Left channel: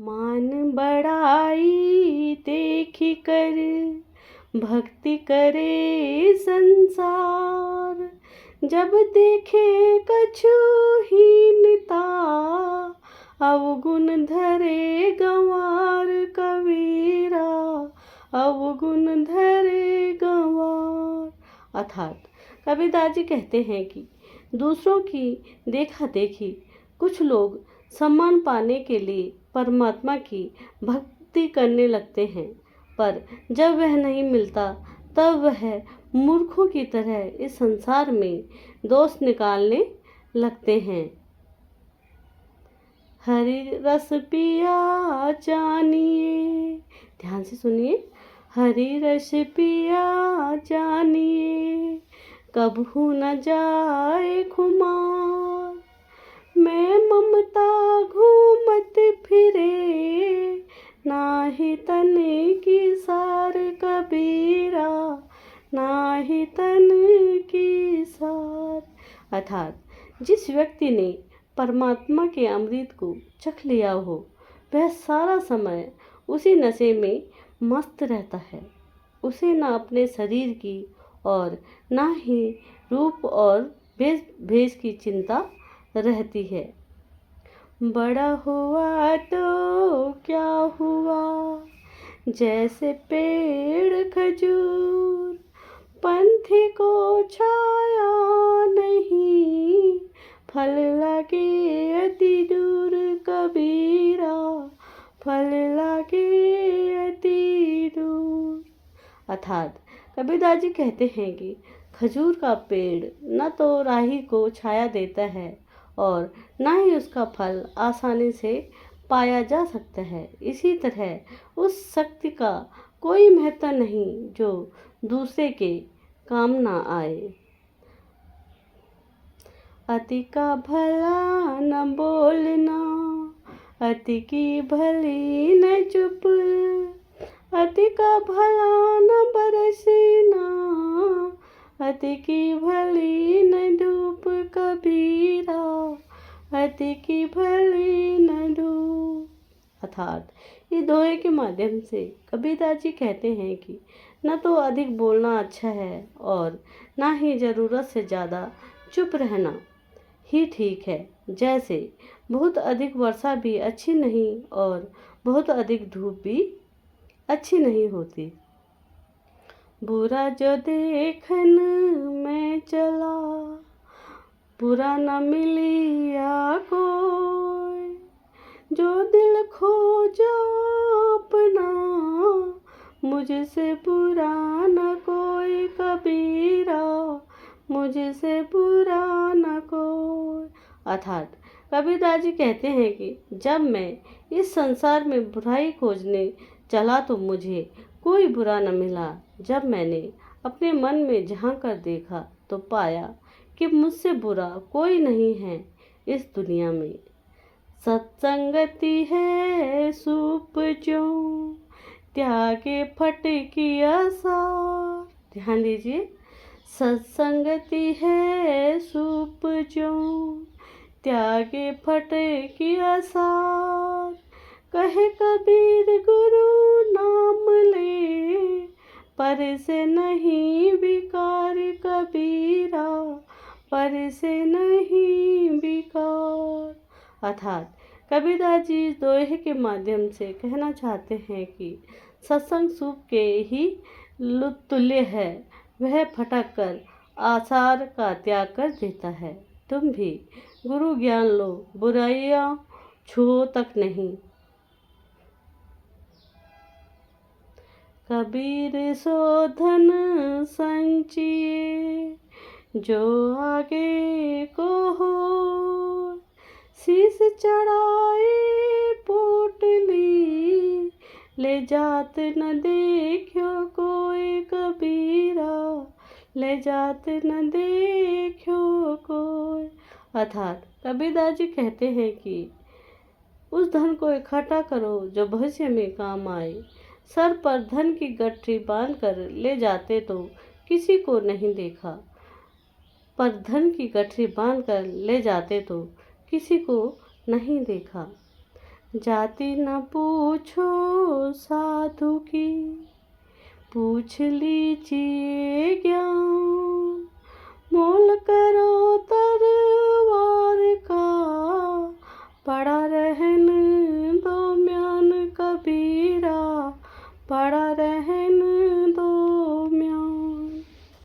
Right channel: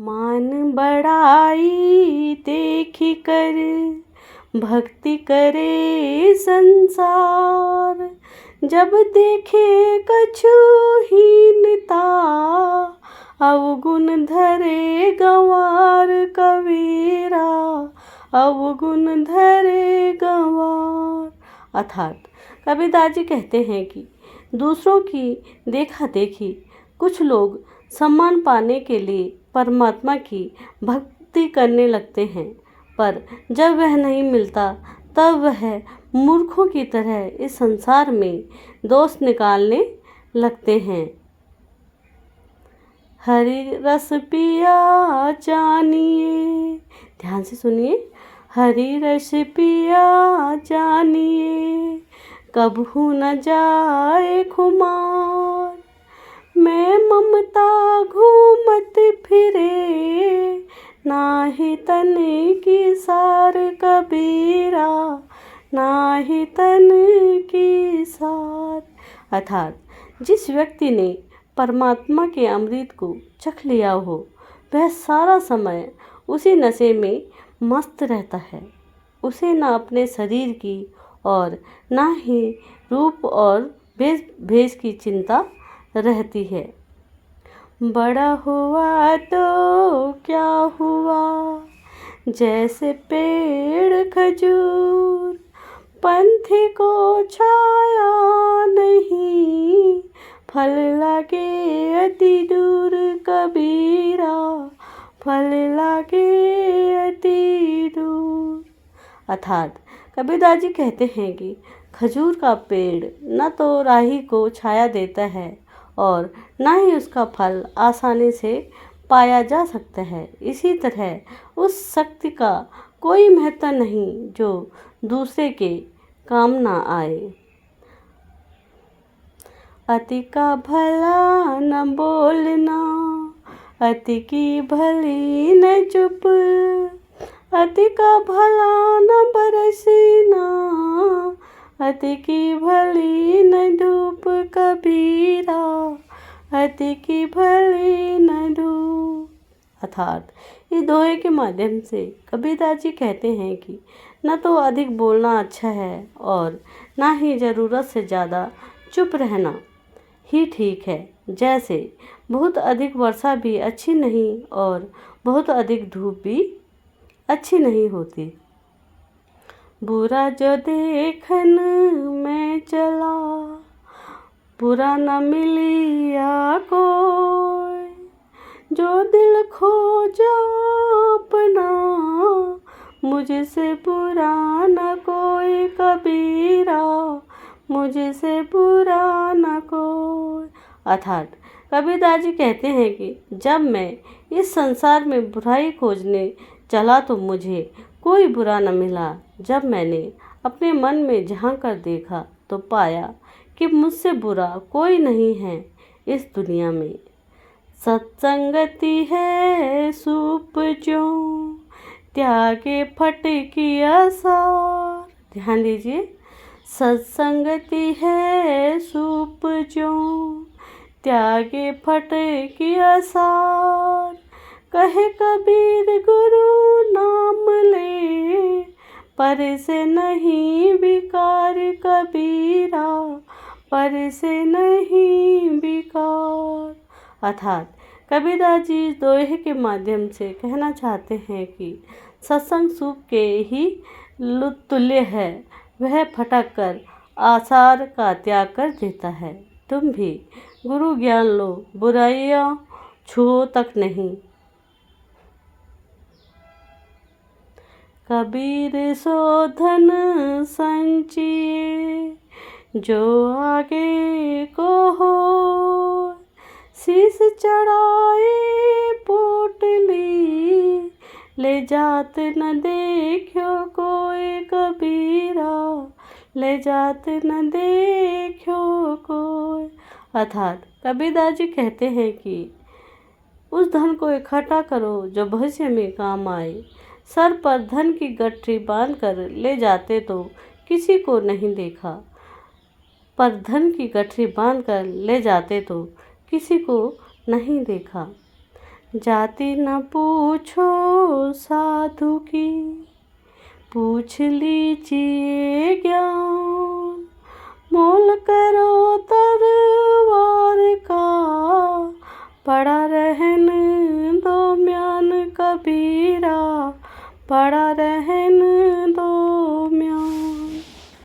मान बढ़ाई देखी कर भक्ति करे संसार। जब देखे कछु हीनता अवगुण धरे गंवार कबीरा, अवगुण धरे गंवार। अर्थात कबीरदास जी कहते हैं कि दूसरों की देखा देखी कुछ लोग सम्मान पाने के लिए परमात्मा की भक्ति करने लगते हैं, पर जब वह नहीं मिलता तब वह मूर्खों की तरह इस संसार में दोष निकालने लगते हैं। हरि रस पिया जानिए, ध्यान से सुनिए। हरि रस पिया जानिए कबहू न जाए खुमार। मैं ममता घूमत फिरे नाही तन की सार कबीरा, नाही तन की सार। अर्थात जिस व्यक्ति ने परमात्मा के अमृत को चख लिया हो वह सारा समय उसी नशे में मस्त रहता है। उसे न अपने शरीर की और न ही रूप और भेष की चिंता रहती है। बड़ा हुआ तो क्या हुआ जैसे पेड़ खजूर, पंथी को छाया नहीं फल लगे अति दूर कबीरा, फल लगे अति दूर। अर्थात कबीरदास जी कहते हैं कि खजूर का पेड़ न तो राही को छाया देता है और न ही उसका फल आसानी से पाया जा सकता है। इसी तरह उस शक्ति का कोई महत्व नहीं जो दूसरे के काम ना आए। अति का भला न बोलना, अति की भली न चुप, अति का भला न बरसना, अति की भली न धूप कबीरा, अति की भली न धूप। अर्थात इस दोहे के माध्यम से कबीरदास जी कहते हैं कि न तो अधिक बोलना अच्छा है और न ही ज़रूरत से ज़्यादा चुप रहना ही ठीक है। जैसे बहुत अधिक वर्षा भी अच्छी नहीं और बहुत अधिक धूप भी अच्छी नहीं होती। बुरा जो देखन में चला, बुरा न मिलिया कोई, जो दिल खोजा अपना मुझसे बुरा न कोई कबीरा, मुझसे बुरा न कोई। अर्थात कबीरदास जी कहते हैं कि जब मैं इस संसार में बुराई खोजने चला तो मुझे कोई बुरा न मिला। जब मैंने अपने मन में झांक कर देखा तो पाया कि मुझसे बुरा कोई नहीं है इस दुनिया में। सत्संगति है सूप जो त्यागे फट की आसार। ध्यान दीजिए। सत्संगति है सूप जो त्यागे फट की आसार। कहे कबीर गुरु नाम ले पर से नहीं विकार कबीरा, पर से नहीं विकार। अर्थात कबीरदास जी दोहे के माध्यम से कहना चाहते हैं कि सत्संग सूप के ही तुल्य है। वह फटक कर आसार का त्याग कर देता है। तुम भी गुरु ज्ञान लो, बुराइयां छुओ तक नहीं। कबीर सो धन संचिए जो आगे को हो, शीश चढ़ाए पोटली ले जात न देखो कोई कबीरा, ले जात न देखो कोई। अर्थात कबीरदास जी कहते हैं कि उस धन को इकट्ठा करो जो भविष्य में काम आए। सर पर धन की गठरी बांध कर ले जाते तो किसी को नहीं देखा, पर धन की गठरी बांध कर ले जाते तो किसी को नहीं देखा। जाति न पूछो साधु की, पूछ लीजिए ज्ञान। मोल करो तरवार का, पड़ा रहन दो म्यान कबीरा, पड़ा रहन